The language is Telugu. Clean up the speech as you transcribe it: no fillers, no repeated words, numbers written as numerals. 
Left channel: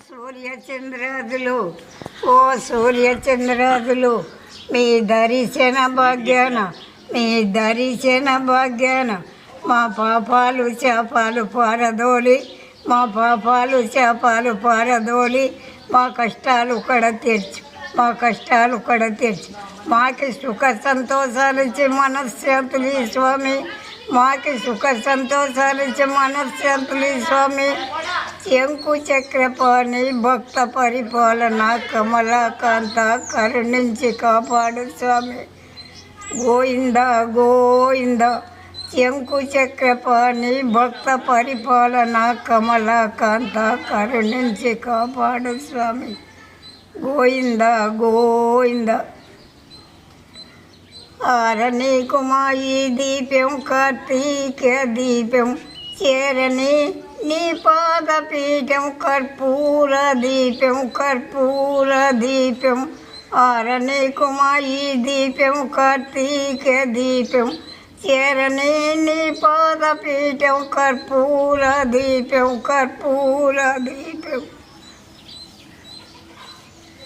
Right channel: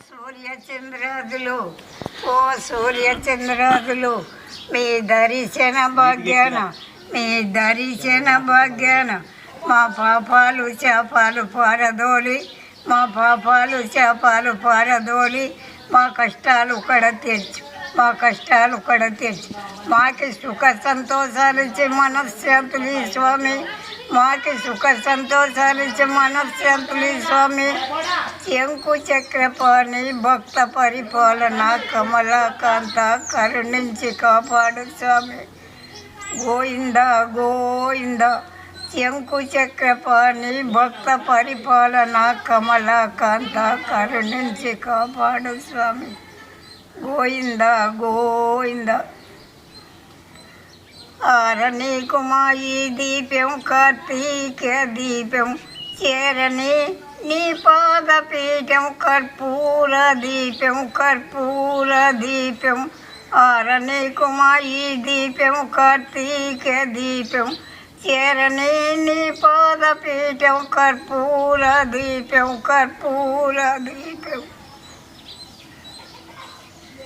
సూర్యచంద్రాదులు ఓ సూర్యచంద్రాదులు మీ దర్శన భాగ్యాన మా పాపాలు చేపాలు పారదోలి మా కష్టాలు తీర్చి మాకి సుఖ సంతోషాలు ఇచ్చి మనశ్శాంతులు స్వామి స్వామి శంకు చక్రపాణి భక్త పరిపాలన కమలాకాంత కరుణించి కాపాడు స్వామి గోవింద శంకు చక్రపాణి భక్త పరిపాలన కమలాకాంత కరుణించి కాపాడు స్వామి గోవింద ఆరని కుమాయి దీపం కార్తీక దీపం చేరని నీ పాదపీఠం కర్పూర దీపం ఆరని కుమాయి దీపం కార్తీక దీపం చేరని నీ పాదపీఠం కర్పూర దీపం